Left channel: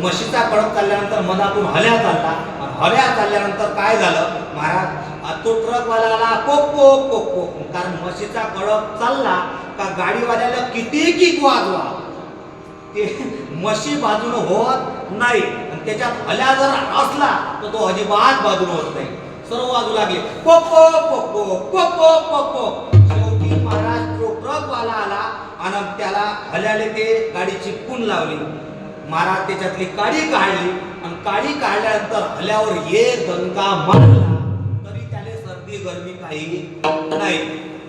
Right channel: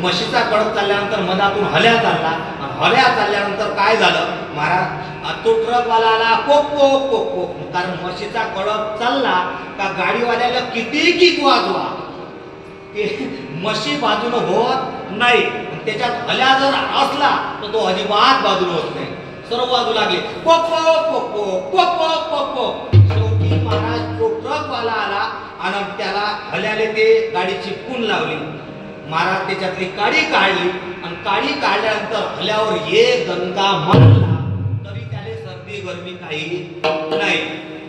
म्हशीचा कळप चालल्यानंतर मधातून हल्या चालला. हल्या चालल्यानंतर काय झालं? महाराज तो ट्रकवाला आला कोक कोक कोक कोक. कारण म्हशीचा कळप चालला का गाडीवाल्याला किती किक वाजवा? ते म्हशी बाजूनं होत नाही. आणि त्याच्यात हल्या जर असला तर तो अजिबात बाजून होत नाही. सर्व बाजू लागले. कोक कोक कोक कोक कोक कोक कोक कोक. शेवटी महाराज तो ट्रकवाला आला आणि त्याला हल्याले ते गाडी चिपकून लावली. महाराज त्याच्यातली काडी काढली आणि काडी काढल्यानंतर हल्यावर एक दणका मारला तरी त्याले सर्दी गरमी काही नाही.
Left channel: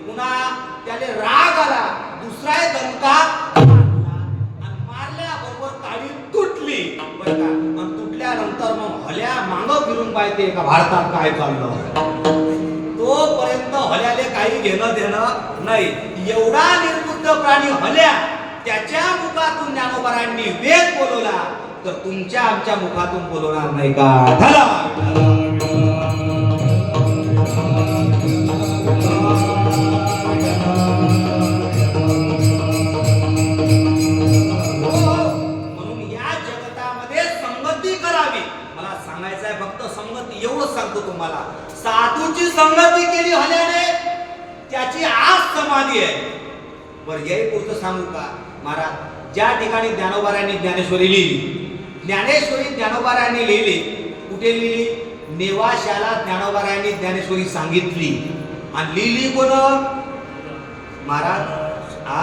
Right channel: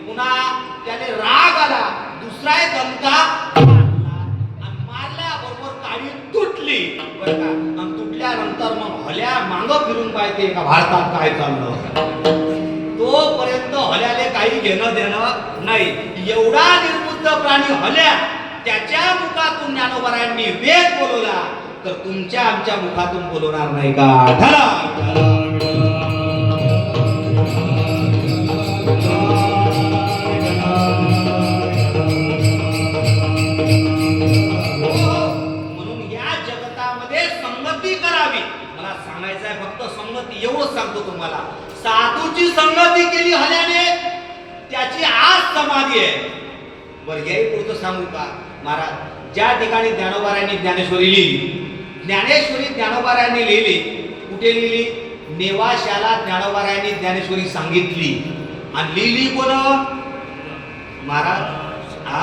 पुन्हा त्याले राग आला. दुसरा एक दणका आणि मारल्याबरोबर काडी तुटली. आणि तुटल्यानंतर मग हल्या मांग फिरून पाहिजे का भारतात काय चाललं? तोपर्यंत हल्याले काही घेणं देणं नाही. एवढा निर्बुद्ध प्राणी हल्या त्याच्या मुखातून ज्ञानोबरांनी वेद बोलवला तर तुमच्या आमच्या मुखातून बोलवणार नाही का? ठरा म्हणून या जगतामध्ये संगती करावी. मला फक्त संगती एवढंच सांगतो तुम्हाला. साधूची संगती केली हल्याने त्याची आज समाधी आहे. बरं याही पुढचं सांगू का? महाराज ज्या ठिकाणी ज्ञानोबारायांनी ज्ञानेश्वरी लिहिली ज्ञानेश्वरी ज्ञानोबारायांनी लिहिली कुठे लिहिली? नेवाशाला ज्ञानोबारायांनी ज्ञानेश्वरी सांगितली. आणि लिहिली कोण? महाराज हा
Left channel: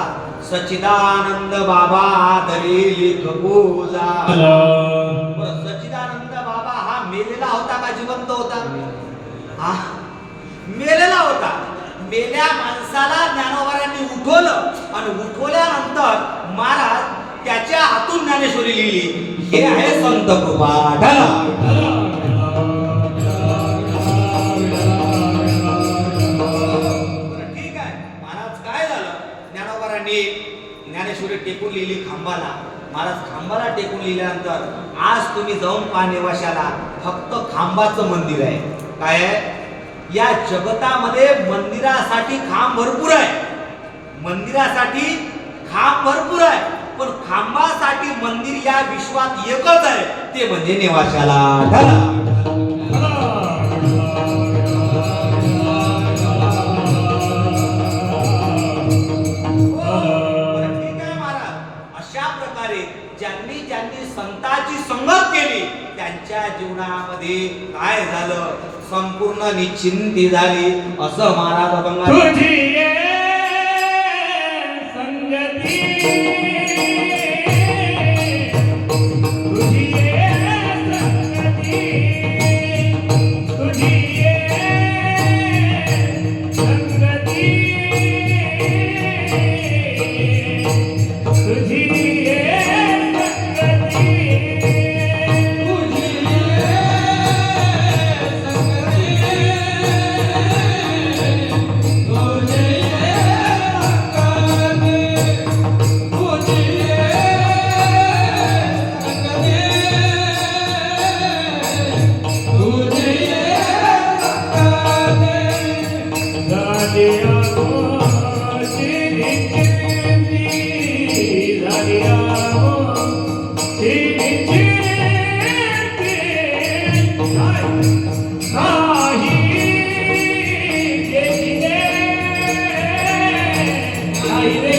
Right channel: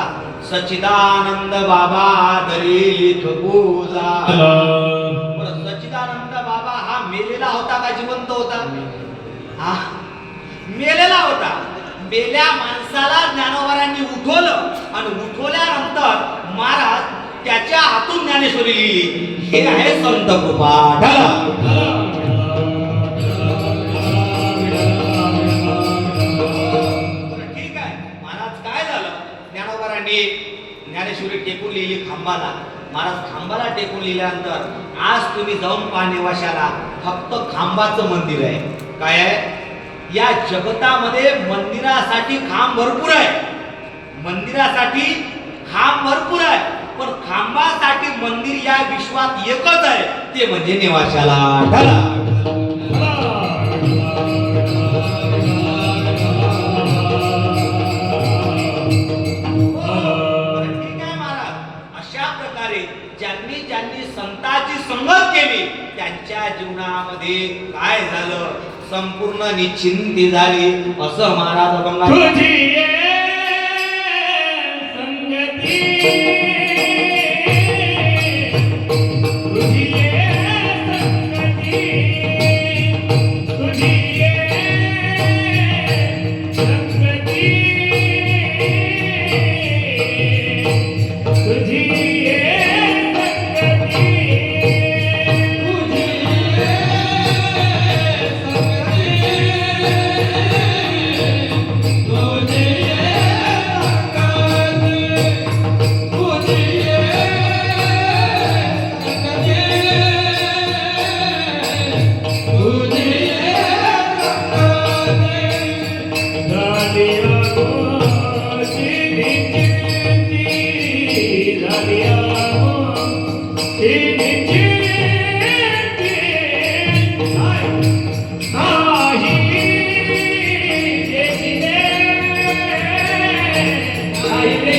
सच्चिदानंद बाबा दरी पूजा. सच्चिदानंद बाबा हा मेलेला होता का जिवंत होता? हा मेलेला होता. मेल्या माणसाला ज्ञानोबारांनी उठवलं आणि उठवल्यानंतर महाराज त्याच्या हातून ज्ञानेश्वरी लिहिली. हे आहे संत कृपा ठीक आहे. महाराज काय झालं? ज्ञानोबारांनी ज्ञानेश्वरी टेकून लिहिली खांबाला. महाराज खांबाला टेकून लिहिल्यानंतर आज तुम्ही जाऊन पाहणे वशाला फक्त खांबाचं मंदिर आहे. काय आहे? या जगतामध्ये मंदिरासाठी खांब भरपूर आहे. मंदिरासाठी खांब भरपूर आहे. पण खांबासाठी मंदिर या विश्वात एकच आहे. ते म्हणजे निवासाला अशा प्रकारे ज्यांनी ज्यांनी संताची संगत केली त्यांच्या जीवनामध्ये काय झालं? संपूर्ण निश्चिंती झाली. असं महाराज अभंगात तुझी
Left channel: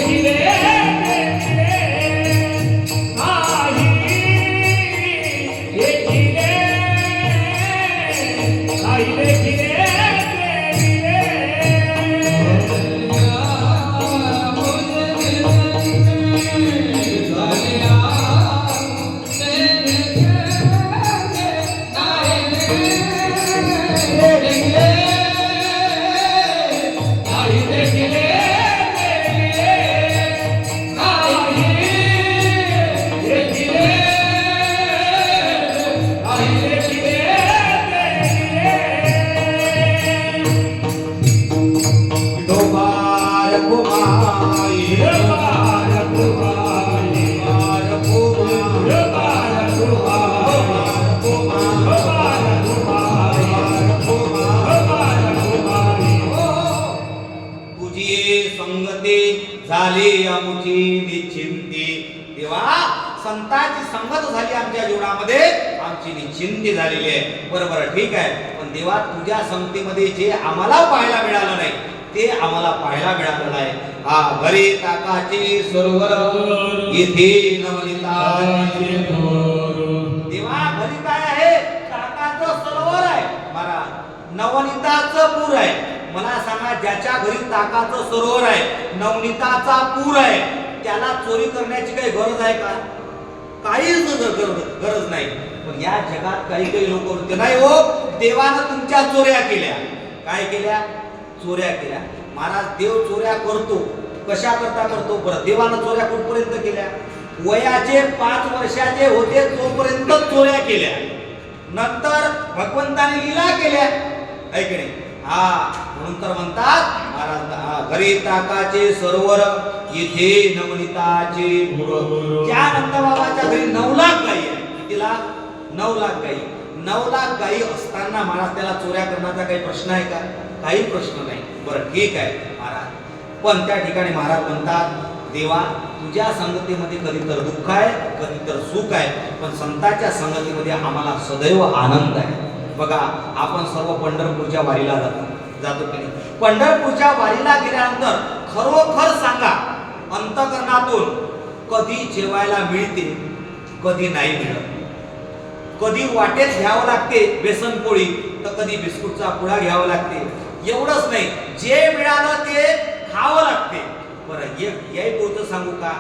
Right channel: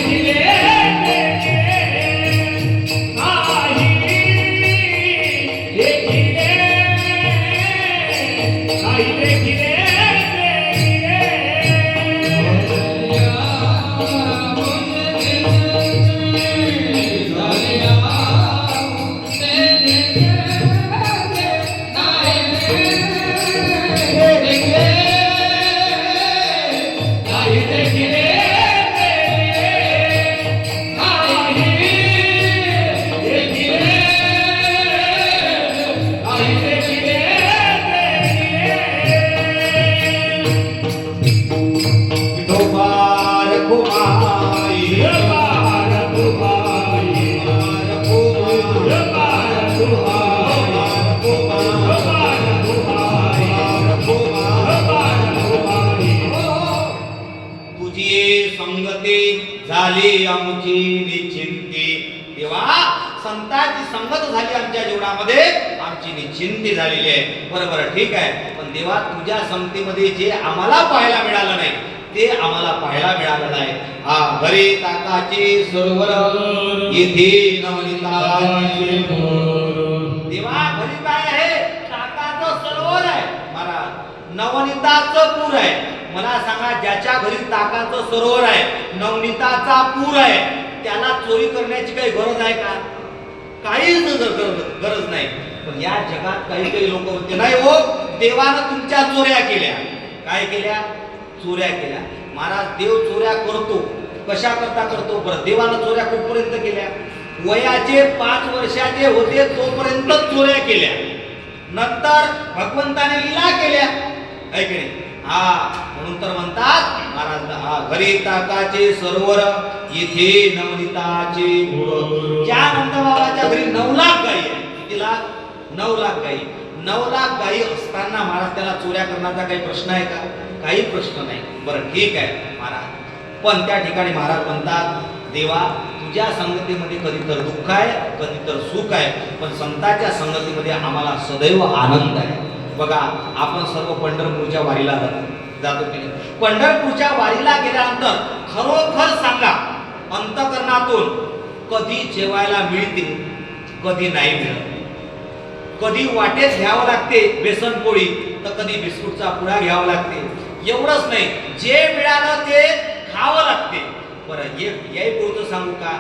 Amen. झाली अमुची निश्चिंती. तेव्हा संतांची संगत झाली आमच्या जीवनामध्ये. आमची निश्चिंती झालेली आहे. बरोबर ठीक आहे. पण देवा तुझ्या संगतीमध्ये जे आम्हाला पाहायला मिळालं नाही ते आम्हाला पाहायला मिळालं नाही. हा घरी ताकाचे सरोवर. येथे नवनिता देवा घरी काय आहे? ताकाचं सरोवर आहे. महाराज नवनीताचं पूर आहे. मला सांगा ज्याच्या घरी ताकाचं सरोवर आहे नवनीताचा पूर आहे त्याला चोरी करण्याची काही गरज आहे का? काहीच गरज नाही. पण या जगात काही काही लोक होते. नाही हो देवानं तुमच्या चोऱ्या केल्या. काय केल्या? चोऱ्या केल्या. महाराज देव चोऱ्या करतो. कशा करता करतो? बरं देवानं चोऱ्या कुठपर्यंत केल्या? वयाचे पाच वर्षाचे होते तोपर्यंत चोऱ्या केल्या. नंतर भगवंताने लीला केल्या. ऐक की नाही? हा म्हणून तर म्हणतात महाराज हा घरी ताकाचे सरोवर येथे नवनीताचे ज्या नंदबाबाच्या घरी नऊ लाख गाई आहे किती लाख? नऊ लाख गाई नऊ लाख गाई असताना महाराज त्याला चोऱ्या करण्याचा काही प्रश्न आहे का? काही प्रश्न नाही. बरं ठीक आहे महाराज. पण त्या ठिकाणी महाराज म्हणतात देवा तुझ्या संगतीमध्ये कधी तर दुःख आहे कधी तर सुख आहे पण संतांच्या संगतीमध्ये आम्हाला सदैव आनंद आहे. बघा आपण सर्व पंढरपूरच्या वारीला जातो. जातो की नाही? पंढरपूरच्या वारीला गेल्यानंतर खरोखर सांगा अंतकरणातून कधी जेवायला मिळते कधी नाही मिळत. कधी वाटेच घ्यावं लागते बेसन पोळी तर कधी बिस्कुटचा पुडा घ्यावा लागते. एवढंच नाही जे मिळालं ते खावं लागते. बरं एक याही पुरतं सांगू का?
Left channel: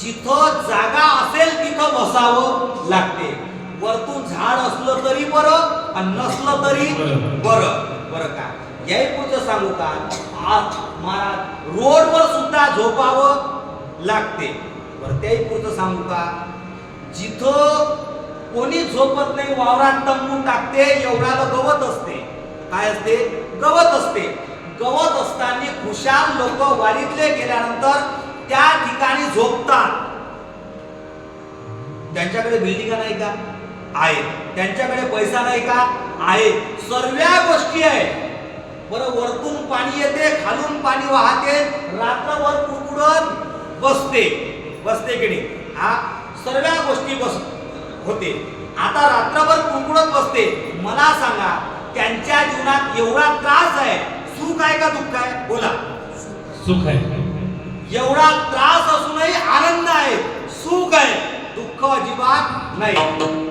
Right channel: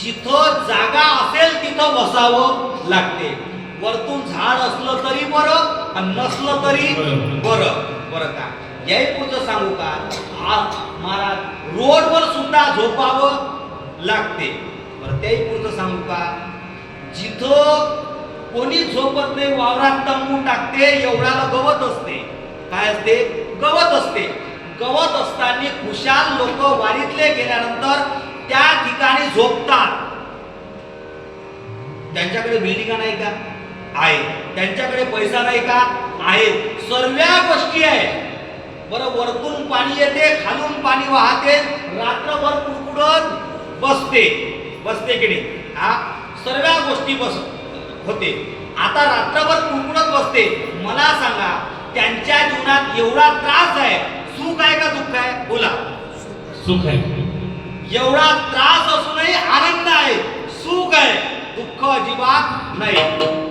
जिथं जागा असेल तिथं बसावं लागते. वरतून झाड असलं तरी बरं आणि नसलं तरी बरं. बरं. का? याही पुरतं सांगू का? आज महाराज रोडवर सुद्धा झोपावं लागते. बरं त्याही पुरतं सांगू का? जिथं कोणी झोपत नाही वावरात तंबू टाकते एवढ्याला गवत असते. काय असते? गवत असते. गवत असताना खुशाल लोक वारीतले गेल्यानंतर त्या ठिकाणी झोपतात. त्यांच्याकडे बिल्डिंगा नाही का? आहे. त्यांच्याकडे पैसा नाही का? आहे. सर्व गोष्टी आहेत. बरं वरतून पाणी येते खालून पाणी वाहते रात्रभर कुडकुडत बसते. बसते की नाही? हा? सर्व गोष्टी बस होते. आता रात्रभर कुडकुडत बसते. मला सांगा त्यांच्या जीवनात एवढा त्रास आहे सुख आहे का दुःख आहे? बोला. सुख आहे. एवढा त्रास असूनही आनंद आहे सुख आहे दुःख अजिबात नाही.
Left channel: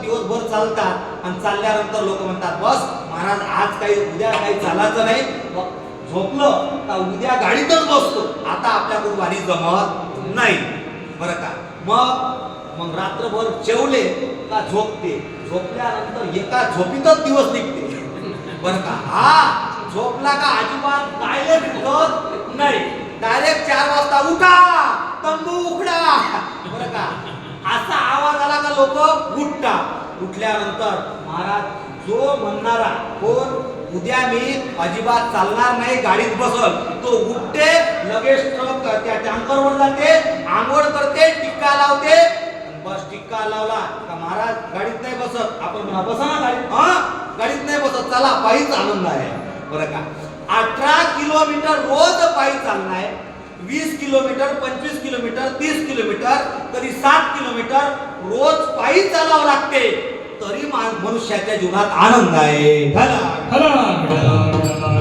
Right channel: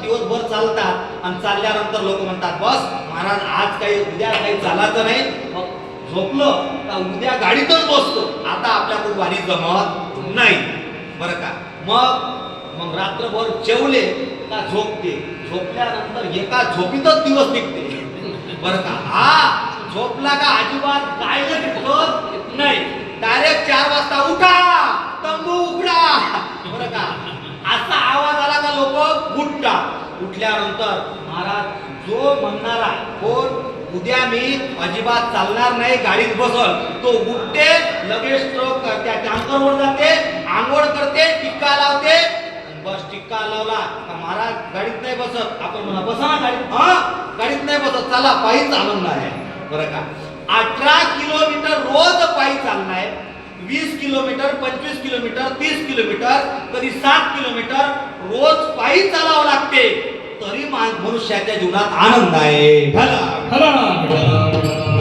दिवसभर चालतात आणि चालल्यानंतर लोक म्हणतात बस महाराज आज काही उद्या काही चालायचं नाही. मग झोपलं का उद्या गाडीतच बसतो. आता आपल्याकडून वारी जमत नाही. बरं का? मग मग रात्रभर जेवले का झोपते? झोपल्यानंतर एका झोपीतच दिवस निघते. बरं का? हा झोपला का अजिबात काय निघत नाही डायरेक्ट चार वाजता उठा तंबू उघडा बरं का असा आवाज आला का लोक उठतात उठल्यानंतर महाराज जो म्हणणारा कोण उद्या मी अजिबात चालणार नाही गाडीत बसल तो उठते लगेच ट्रक त्या टँकरवर जाते आंघोळ करते टिक्का लावते. बस टिक्का लावला का महाराज गाडीत नाही बसत. आपण म्हणा बसा ना गाडीत. हा गाडीत नाही बसत. चला पायी चालवणार आहे. बरं का? अठरा किलोमीटर रोज पायी चाललाय वीस किलोमीटर पंचवीस किलोमीटर तीस किलोमीटर कधी सात किलोमीटर रोज पायी चालावं लागते. तरी मनुष्याच्या जीवनात आनंद आहे. भला. खरा